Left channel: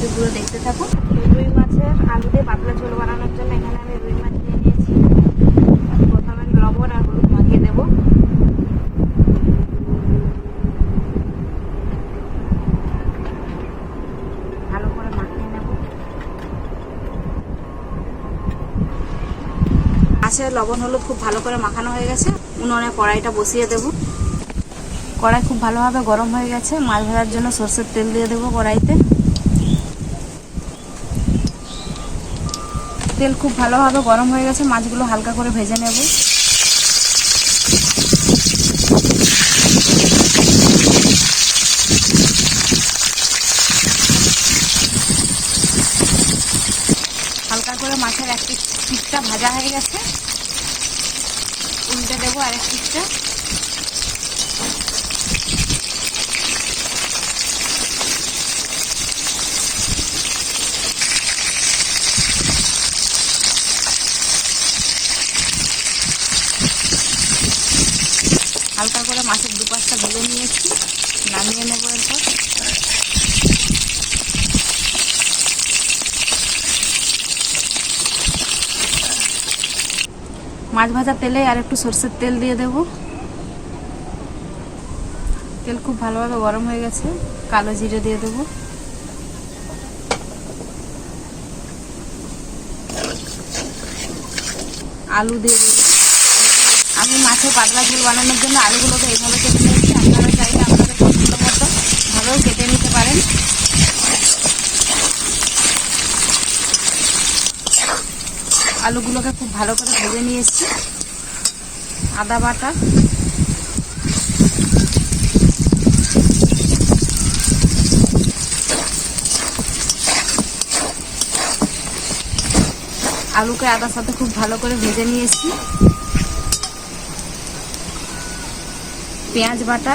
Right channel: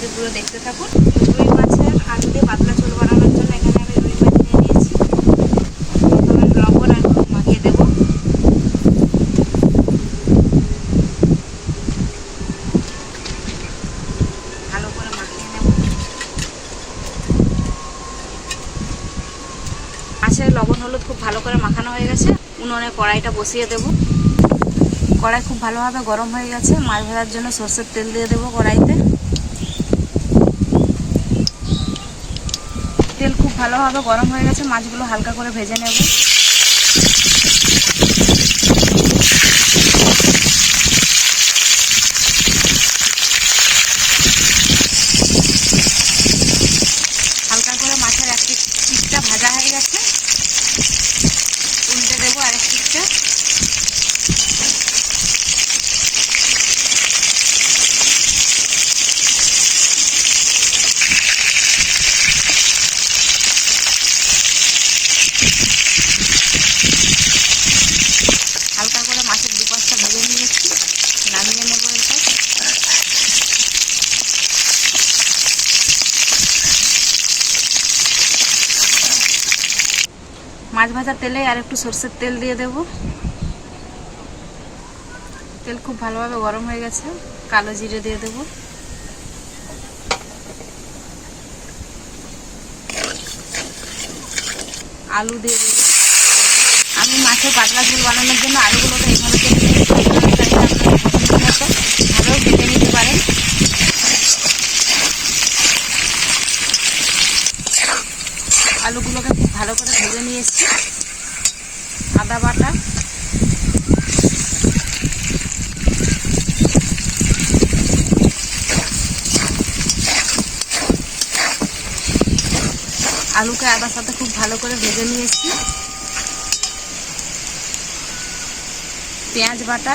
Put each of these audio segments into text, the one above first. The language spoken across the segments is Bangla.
রেসিপিগুলো দেখতে থাকুন। রুই মাছের আলু দিয়ে পাতলা ঝোল বানানোর জন্য এখানে আমি রুই মাছ নিয়ে নিয়েছি। প্রথমে লবণ আর হলুদ মাখিয়ে দেবো। ভালো করে মাখিয়ে নেব। মাছের লবণ হলুদ খুব ভালো করে মাখানো হয়ে গেছে। উনুনে কড়াইটা বসিয়ে দেব। কড়াই খুব ভালোভাবে গরম হয়ে গেছে। মাছ ভাজার জন্য সরষের তেল দিয়ে দেবো কড়াইতে। তেল খুব ভালোভাবে গরম হয়ে গেছে। মাছগুলো হালকা করে ভেজে নেব। হালকা করে মাছের এক পিঠটা ভাজা হয়ে গেছে। উল্টে দেবো আরেক পিঠটা। হালকা করে মাছের দুপাশটা ভেজে নিয়েছি, নামিয়ে নেবো এরপর। মাছ ভাজার তেলে আর একটু সরষের তেল দিয়ে দেব। তেল খুব ভালোভাবে গরম হয়ে গেছে। কালো জিরে দিয়ে দেব। আলু দিয়ে দেব। আমি মাছের পাতলা ঝোল বানানোর জন্য আলুগুলোকে এইভাবে কেটে নিয়েছি। আপনারা চাইলে আপনাদের পছন্দ মতো ভাবেও কেটে নিতে পারেন। আলুগুলোকে খুব ভালো করে ভেজে নিয়েছি। আদা বাটা, আলুকে আদার সাথে খুব ভালো করে ভেজে নিয়েছি। পেঁয়াজ বাটা,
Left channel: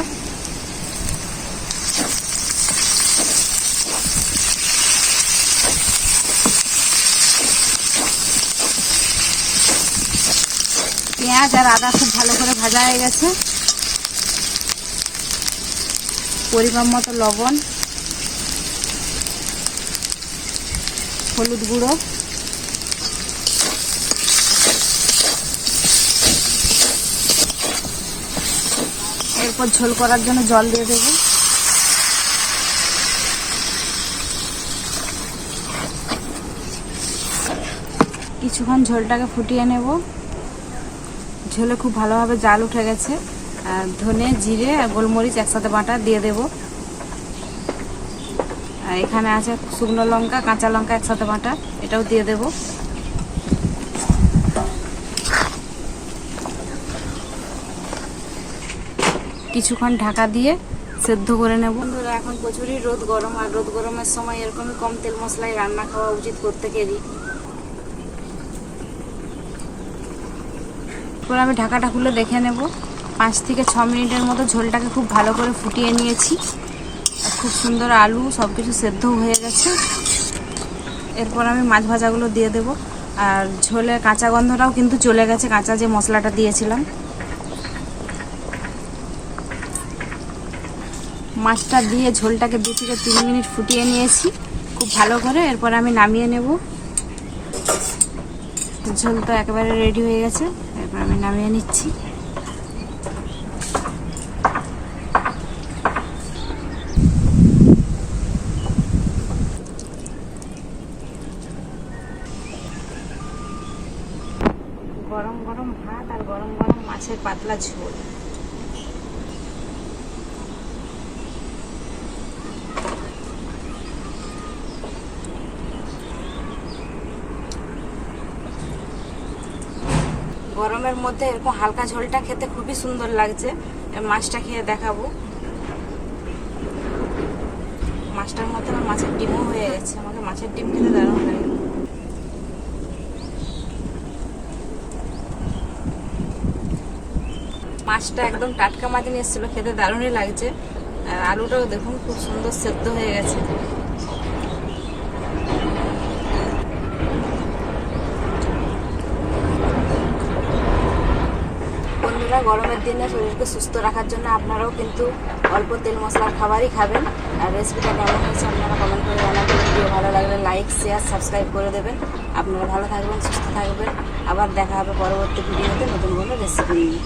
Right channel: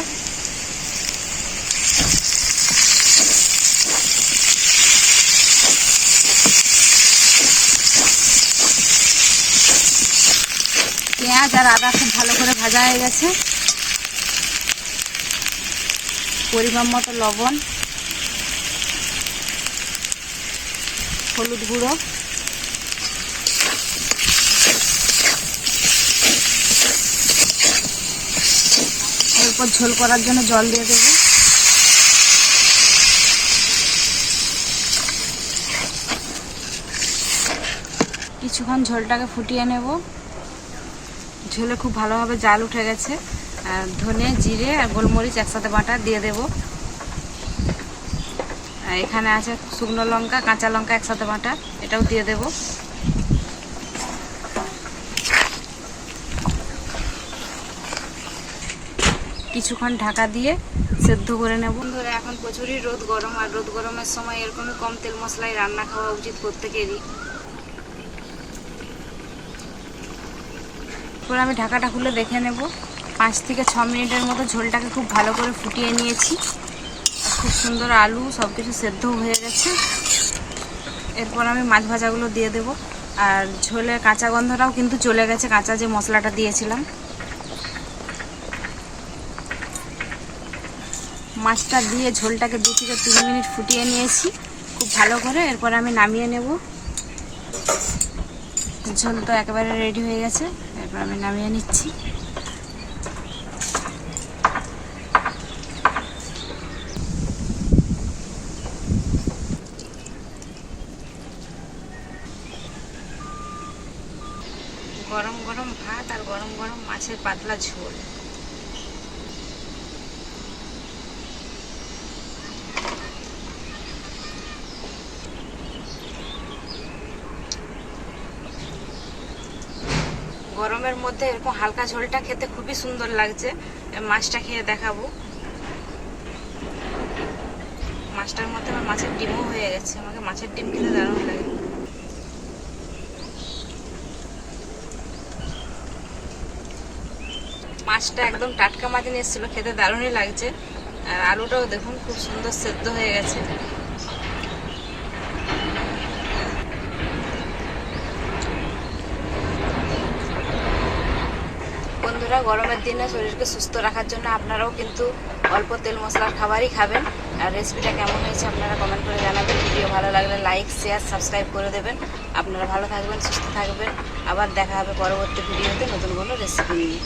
পেঁয়াজ আর আদা খুব ভালো করে ভাজা হয়ে গেছে। পরিমাণ মতো লবণ, হলুদ গুঁড়ো, এরপর ঝোল করার জন্য জল দিয়ে দেব। কিছুক্ষণ ঝোলটাকে ফুটিয়ে নেব। ঝোলে খুব ভালোভাবে জাল উঠে গেছে। ধনে, জিরে আর গোলমরিচ একসাথে বাটা দিয়ে দেব। এখানে আছে শুকনো লঙ্কা, কাঁচা লঙ্কা একসাথে বাটা, এটাও দিয়ে দেব। কিছুক্ষণ ঢাকা দিয়ে সেদ্ধ করে নেব। বন্ধুরা, এখন প্রচুরই রোদ গরম, আর রোদ গরমের সময় এরকমই কম তেল মশলায় রান্না খাওয়া উচিত প্রত্যেকেরই। এরপর আমি ঢাকাটা খুলে দেখে নেব। 5 থেকে 6 মিনিটের মতো ঝোলটাকে খুব ভালো করে ফুটিয়ে নিয়েছি। আর খুব সুন্দর আলু সব কিছু সেদ্ধ হয়ে গেছে। এরপর আমি মাছ ভাজাগুলো দিয়ে দেব। আর ঝোলের কাঁচা গন্ধটাও কিন্তু চলে গেছে, কাঁচা যে মশলাটা দিয়েছিলাম। মাছটা দিয়ে ঝোলটাকে 2 থেকে 3 মিনিট ফুটিয়ে নিয়েছি খুব ভালো করে। এরপর আমি নামিয়ে নেব। ঝোল তো একেবারে রেডি হয়ে গেছে। এরপর আমি নামিয়ে নিচ্ছি। গরম গরম ভাত আর গরম গরম মাছের পাতলা ঝোল। গরমের মধ্যে এরকম হালকা ঝোলটা খেতে খুবই সুন্দর লাগছে। মাছটা খেয়ে দেখাবো। মাছটার মধ্যে আমার মাছের ডিমও হয়ে গেছে। আমাকে মাছের ডিম খেতে দারুণ লাগে। মাছটা একদম টাটকা মাছ নিয়ে এসেছিলো, খেতে দারুণই লাগছে। আর আলুটাও দেখুন খুব সুন্দর সেদ্ধ হয়ে গেছে। বন্ধুরা, গরমের দিনে শরীরকে সুস্থ রাখার জন্য আপনারাও কিন্তু অল্প তেল মশলার খাবারই খাবেন। আর রেসিপিটা কেমন হয়েছে আপনারা কমেন্ট করে জানাবেন। ভিডিও ভালো লাগলে লাইক, শেয়ার, সাবস্ক্রাইব করে দেবেন। আপনারা ভালো থাকবেন, সুস্থ থাকবেন। আবার দেখা হবে পরবর্তী ভিডিওতে নতুন কোনো রেসিপি নিয়ে।